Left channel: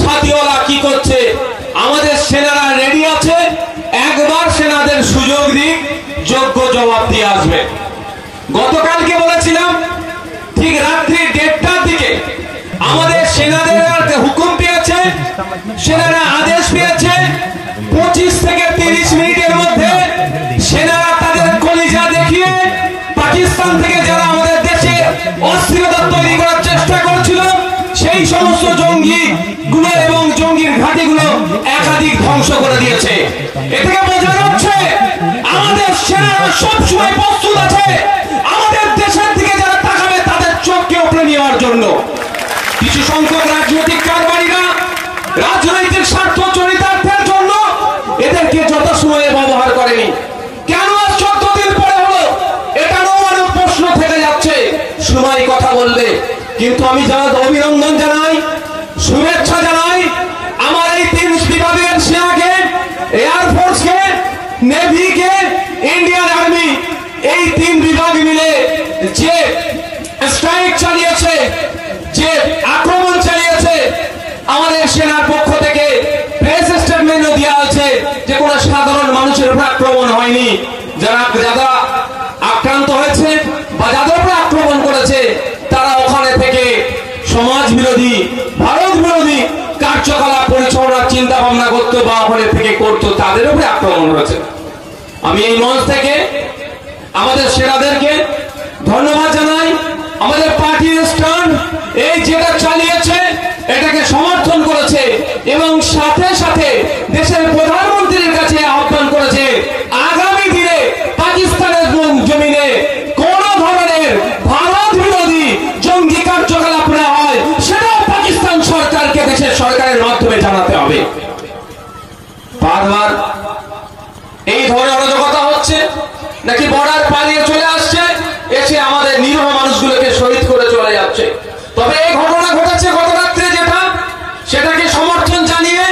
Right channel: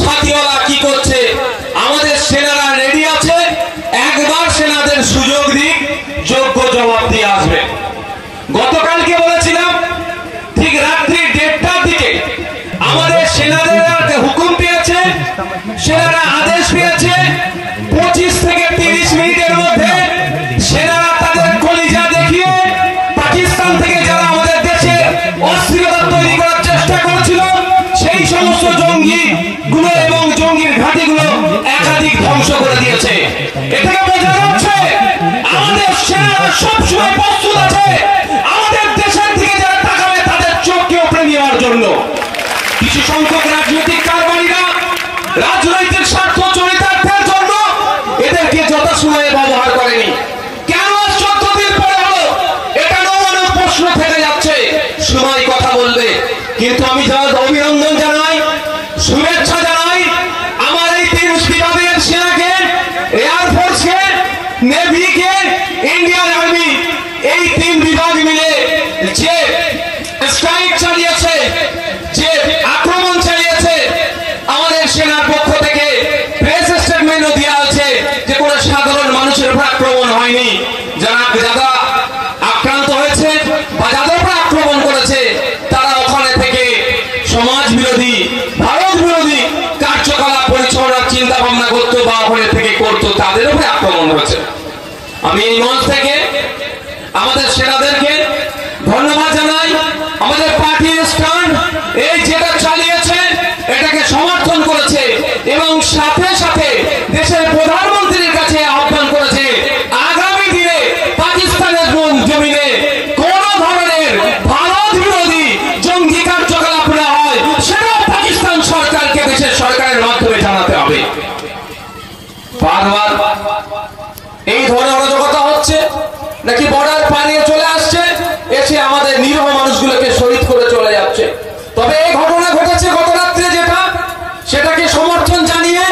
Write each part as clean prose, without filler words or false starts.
ছাতিওয়ালা কি করছে? আমাদের সেনারা রেডি আছে, একবার সেনাদের সুযোগ দিক, যোগ্য জবাব দিয়ে আসবে। গতকালকে বলেছিলাম ঠিক রাত্রি 1:30টার দিকে আমাদের সেনাদের হুকুম পেয়েছে, সেনারা আদেশ পেয়েছে 25 থেকে 30 মিনিটের মধ্যে সেনারা তাদের কলিজা দেখিয়ে পাকিস্তান থেকে যারা আমাদের দেশে অস্থিরতা তৈরি করার চেষ্টা করেছিল সেই সমস্ত জঙ্গি গুলো এবং জঙ্গির ঘাঁটিগুলো একাধিক ধ্বংস করে দিয়েছে। এটাকে বোঝা যাচ্ছে আমাদের সেনারা সবসময় প্রস্তুত আছে আমাদের দেশের দিকে যারা তাকাবে তাদের চোখকে উপরে নেওয়ার জন্য। কিছু সংখ্যক রাজনৈতিক কারবারিরা রাজনৈতিক স্বার্থ চরিতার্থের জন্য এদেরকে যথাসময়ে ব্যবহার করেনি। কেন 14 দিন পরে হলো এটারও অনেক প্রশ্ন থেকে যাচ্ছে, সময় কথা বলবে। কিন্তু আমি যারা অভিনন্দন জানাই, শুভেচ্ছা জানাই আমার এই 3 বিভাগের সেনাকে, এয়ারফোর্সকে, নেভিকে, ইন্ডিয়ান আর্মি, এই 3 বিভাগ মিলে যে স্ট্রাইক চালিয়েছে, যে আক্রমণ চালিয়েছে, আমাদের সেনার পক্ষ থেকে প্রেস স্টেটমেন্টও দেওয়া আছে যে কোনো সাধারণ মানুষের উপর আক্রমণ হয়নি। যারা আক্রান্ত হয়েছে বা যাদের উপর আক্রমণ করেছে তারা ওখানে থেকে সমাজ বিরোধী, ভারত বিরোধী কার্যকলাপ পরিচালনার চিন্তা ভাবনা করতো বা ওখানে থেকে করতো, তাদের উপরে আক্রমণ হয়েছে। আমি এই মঞ্চ থেকে আমাদের সেনাদেরকে ধন্যবাদ জানাই। আমাদের পার্টি স্ট্যান্ড এই যেটা চালিয়েছে এটাকে সমর্থন করেছে এবং সাথে সাথে দেশের প্রধানমন্ত্রীর কাছে আহ্বান করেছে আগামী দিনে পাকিস্তানের জমিনে কোন ধরনের ভারত বিরোধী জঙ্গি কার্যকলাপ না হয় সেটা পাকিস্তান সরকারকে দেশের সরকারের মাধ্যমে জানাতে হবে। বারবার এই ধরনের অরাজকতা হচ্ছে নাকি বর্ডার পালিয়ে চলে আসছে, এসে আমাদের নিরীহ মানুষগুলোকে শহীদ করে চলে যাচ্ছে। তবে এই ঘটনা ঘটেছে গত রাত্রে যেটা, সেটাকে সমর্থন জানিয়ে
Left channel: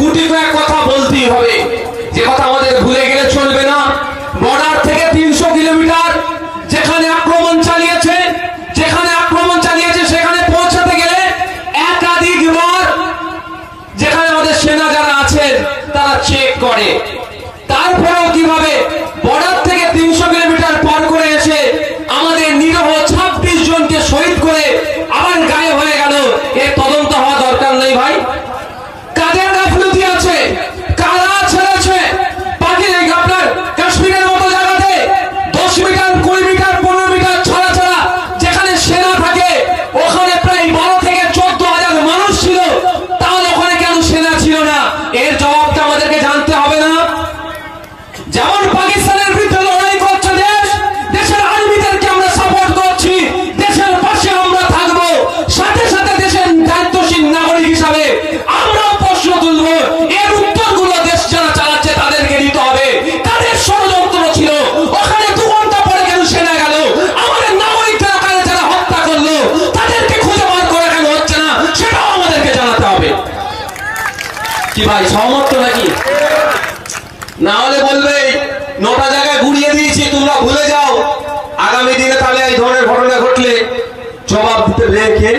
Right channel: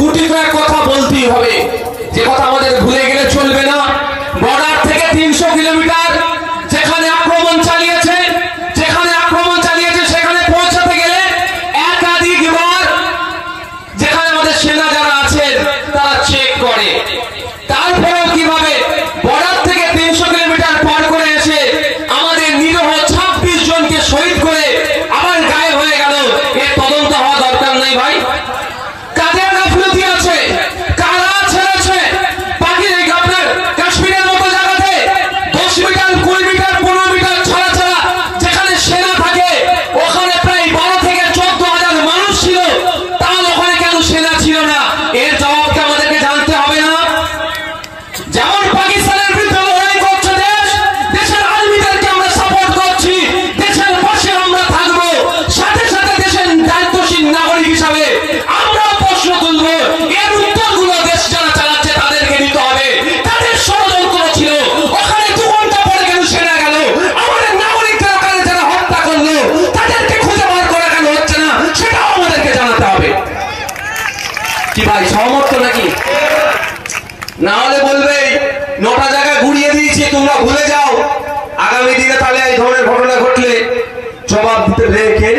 গুটি কয়েক কথা বলতেই হবে। যে কথা আমাদের ভুলে গেলে চলবে না, বর্ডার থেকে 300 কিলোমিটার যেখানে আক্রমণ চালিয়েছে সেখানে পৌঁছাতে গেলে একাধিকবার যেখানে আমাদের সেনা যারা আছেন তারা চেক করে, তারপরেও কিভাবে বর্ডার থেকে 300 কিলোমিটার পার করে এসে আমাদের নিরীহ 26 জনকে শহীদ করে আবার গায়েব হয়ে গেল। এর তদন্ত হওয়া দরকার নেই ভাই? কাদের গাফিলতি আছে, কারা ছেড়েছে? আপনার কাশ্মীরের মতো জায়গাতে 10 মিটার, 20 মিটার, 15 মিটার ছাড়া ছাড়া যেখানে সেনা থাকে ওখানে প্রায় 12 থেকে 14,000 মানুষ ছিল, তাহলে ওখানে কেন সেনা ছিল না? এর জবাবকে আমাদেরকে জানতে হবে না? যেমন পাকিস্তানের বিরুদ্ধে লড়াই করছে দেশ, দেশের আর্মিদেরকে আমরা সাপোর্ট করছি, দেশের পাশে আমরা থাকবো, সাথে সাথে দেশের দায়িত্বশীল নাগরিক হিসাবে আমরা প্রশ্ন তুলবো এর উত্তরগুলো দেশ যারা চালাচ্ছে তাদেরকে দিতে হবে। তাদের ষড়যন্ত্র ছিল, ওখানে 2 ঘন্টা পরে কেন সেনা গেল? আমাদের নাগরিকদের ওখানে যারা হত্যা করলো তাদেরকে খুঁজে বার করে কেন হচ্ছে না সেটাও আমাদেরকে জানাতে হবে। কি ভাই সহমত নাকি? না হলে বলবে 9টা জায়গায় ঘুরিয়ে দিয়েছি, তোমরা ভুলে যাও। আগামী দিনে তাহলে এই ধরনের ঘটনা ঘটলে জবাব দিতে রেখে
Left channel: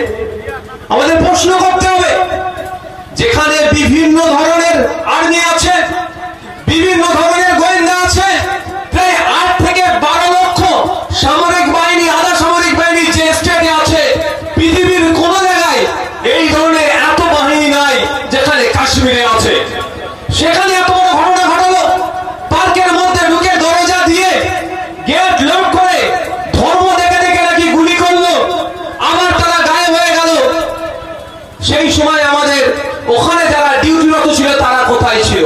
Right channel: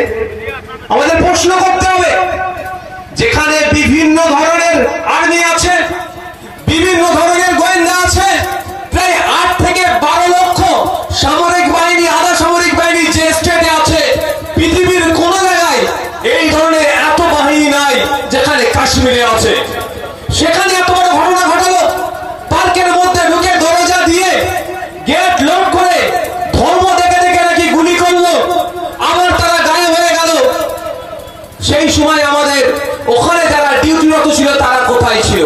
আমাদের প্রশ্ন করতে হবে। যেখানে বিভিন্ন ধরনের আর্মি আছে, বিভিন্ন ধরনের গোয়েন্দা আছে, প্রায় 8 থেকে 12 লক্ষ সামরিক বাহিনী, আধা সামরিক বাহিনী যে স্টেটে আছে, পৃথিবীর কোন জায়গায় এই ধরনের এত বাহিনী নাই যেখানে কাশ্মীরে আছে। সেখানে এত বড় ঘটনা ঘটালো, পার্কের মধ্যে ঢুকে দরজা দিয়ে গেট লক করে ধর্ম দেখে দেখে নাকি গুলি করলো, আবার তারা গায়েব হয়ে গেল। সেই সময় আমাদের ওখানে যারা ডিউটিরত ছিল তারা কোথায় ছিল?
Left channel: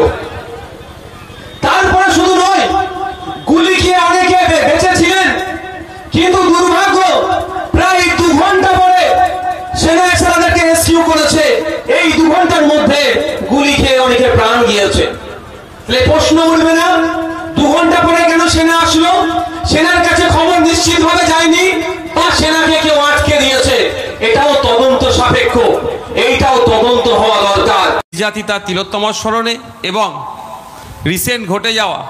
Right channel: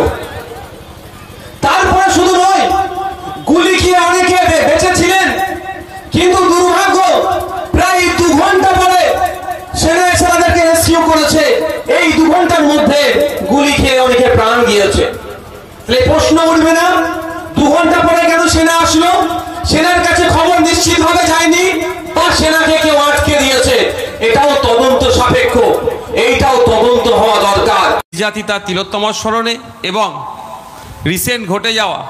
তারপরে শুধু নয়, গুলি খেয়ে অনেকে বেঁচে ছিলেন, কিন্তু দুর্ভাগ্য প্রায় 2 ঘন্টা পরে সেনা তাদেরকে রেস্কিউ করেছে। এই 2 ঘন্টার মধ্যে গুলি খেয়ে অনেকে প্রাণ গিয়েছে। প্রশ্ন উঠবে না 2 ঘন্টা পরে কেন সেনা আসলো? সেনার কাছে খবর নিশ্চিতভাবে যায়নি, তার সেনাকে কেউ আটকে দিয়েছে। এটাও তদন্ত সাপেক্ষ, এইটাও তদন্ত হওয়া দরকার। জাতি তার তিলোত্তমার স্মরণে এবং রিসেন্ট ঘটে যাওয়া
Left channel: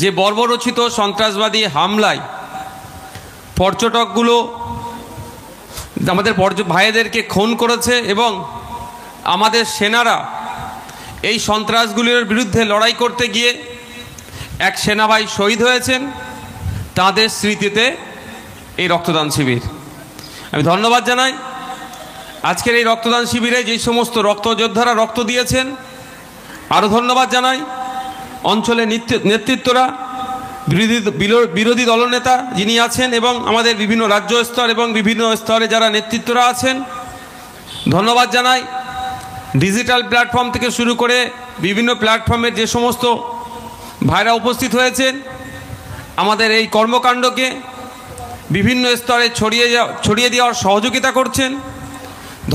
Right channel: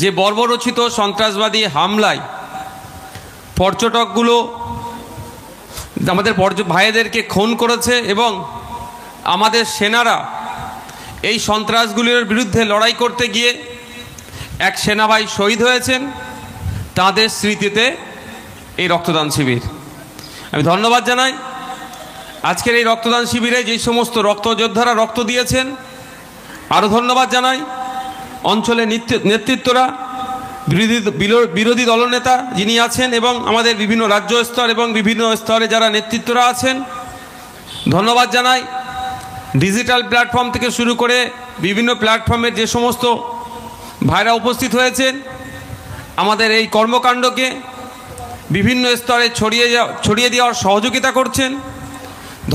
যে বর্বরচিত সন্ত্রাসবাদী হামলায় পর্যটকগুলো আমাদের ভাইদেরকে খুন করেছে এবং আমাদের সেনারা এই সন্ত্রাসগুলির বিরুদ্ধে লড়াই করতে গিয়ে এক সেনাভাই শহীদ হয়েছেন, তাদের স্মৃতিতে এই রক্তদান শিবির। আমি ধন্যবাদ জানাই আজকের এই রক্তদান শিবিরে যেই সমস্ত রক্তযোদ্ধারা রক্ত দিয়েছেন। আরও ধন্যবাদ জানাই অঞ্চলের নেতৃত্বরা, বিরোধী দলনেতা যিনি আছেন এবং আমাদের বিভিন্ন রাজ্য স্তর এবং বিভিন্ন স্তরে যারা নেতৃত্বরা আছেন। ধন্যবাদ জানাই ডিজিটাল প্ল্যাটফর্ম থেকে শুরু করে বিভিন্ন প্ল্যাটফর্মের যে সমস্ত ভাইরা উপস্থিত হয়েছেন, আমাদের এই কর্মকাণ্ডকে বিভিন্ন স্তরে ছড়িয়ে দেওয়ার সহযোগিতা করছেন।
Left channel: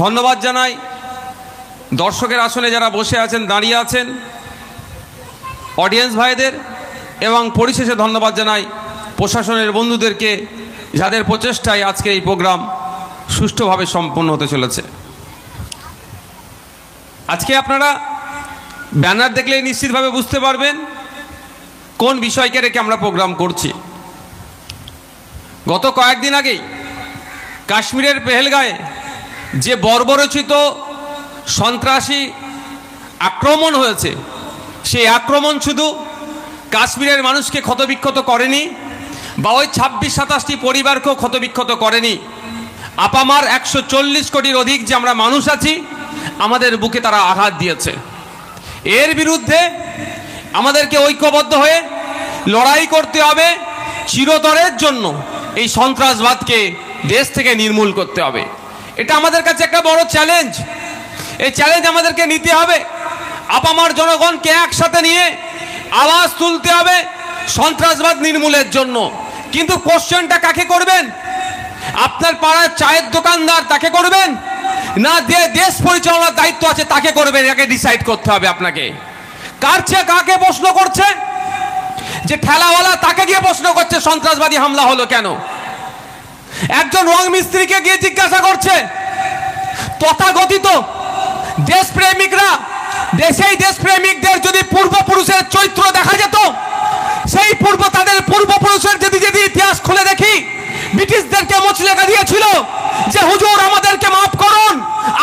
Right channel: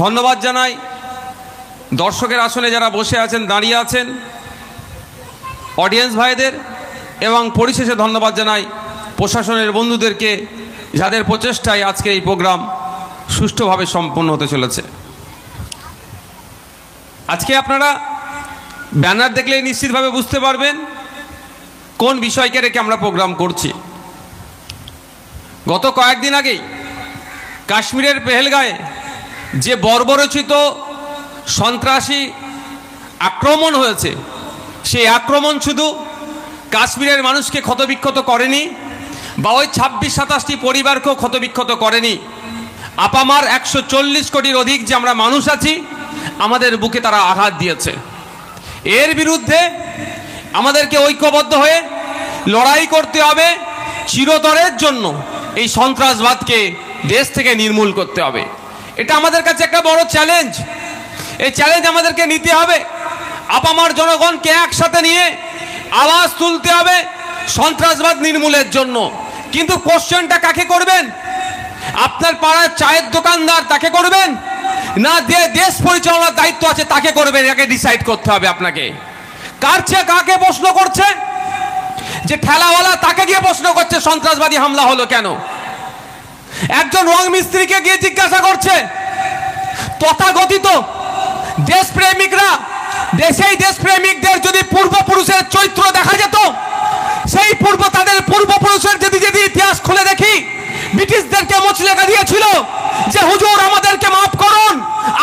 ধন্যবাদ জানাই দর্শকের আসনে যারা বসে আছেন, দাঁড়িয়ে আছেন, অডিয়েন্স ভাইদের, এবং পরিশেষে ধন্যবাদ জানাই প্রশাসনের বন্ধুদেরকে, যাদের প্রচেষ্টায় আজকে এই প্রোগ্রাম সুষ্ঠুভাবে সম্পন্ন হতে চলেছে। আজকে আপনারা ব্যানার দেখলেই নিশ্চিতভাবে বুঝতে পারবেন কোন বিষয়কে রেখে আমরা প্রোগ্রাম করছি। গত কয়েকদিন আগেই কাশ্মীরের পেহেলগাঁয়ে যে বর্বরচিত সন্ত্রাসী আক্রমণ হয়েছে, সেই আক্রমণ শুধু কাশ্মীরের মানুষকে ক্ষতবিক্ষত করেনি বা ওই 26-27টি পরিবারকেও ক্ষতবিক্ষত করেনি, আপামার 140 কোটির অধিক যে আমরা মানুষ আছি, আমাদের বুকে তারা আঘাত দিয়েছে। এর বিরুদ্ধে আমাদেরকে ঐক্যবদ্ধ হয়ে লড়াই করতে হবে। চিরতরের জন্য এই সন্ত্রাসবাদকে দেশ থেকে নির্মূল করতে হবে। এটা আমাদের কাছে একটা বড় চ্যালেঞ্জ। এই চ্যালেঞ্জ আমাদেরকে নিতে হবে। আপামার জনগণকে একসাথে নিয়ে আওয়াজ তুলতে হবে সন্ত্রাসবাদ নির্মূলের জন্য। কিন্তু কোশ্চেনটা কাকে করবেন? আপনার পাড়ার চায়ের দোকানদার তাকে করবেন, না দেশ পরিচালনার দায়িত্ব আছে তাকে করবেন? এটাকে ডিসাইড করতে হবে আপনাকে। কার চেয়ে কাকে প্রশ্ন করছে? যে ঠেলাওয়ালা তাকে গিয়ে প্রশ্ন করছে সন্ত্রাসবাদী হামলা হলো কেন? একজন রং মিস্ত্রিকে গিয়ে জিজ্ঞাসা করছে। তথাকথিত দেশপ্রেমিকরা, দেশেই দেশপ্রেমিকদের যদি পূর্বপুরুষের চরিত্র দেখা যেত, সেই তাদের পূর্বপুরুষের যদি ইতিহাস খুলে দেখি, ব্রিটিশদেরকে মুচলেখা দিয়েছিল যে হুজুর আমাদেরকে মাফ করুন,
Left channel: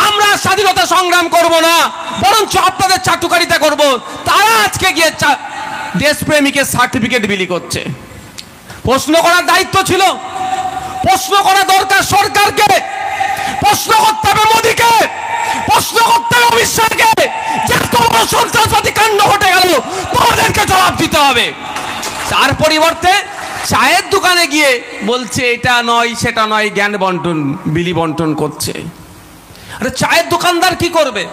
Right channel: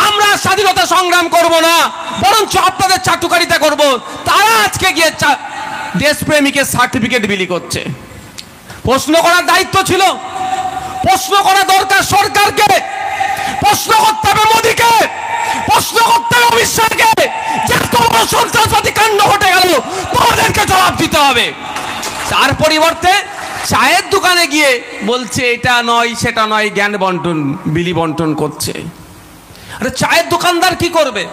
আমরা স্বাধীনতা সংগ্রাম করব না, বরঞ্চ আপনাদের চাটুকারিতা করব। তারা আজকে গিয়ে দেশপ্রেমিকের সার্টিফিকেট বিলি করছে। প্রশ্ন করার দায়িত্ব ছিল, প্রশ্ন করা দরকার সরকারকে, প্রশ্ন করতে হবে মোদীকে, প্রশ্ন করতে হবে অমিত শাহকে, যে তোমার সন্ত্রাসবাদী কাণ্ড ঘটে গেল, তোমাদেরকে জবাব দিতে হবে। তার পরিবর্তে চায়ের দোকানে গিয়ে বলছে এটা নয় সেটা নয়, জ্ঞান বন্টন, বিলি বন্টন করছে। আরে চায়ের দোকানদার কি করবে?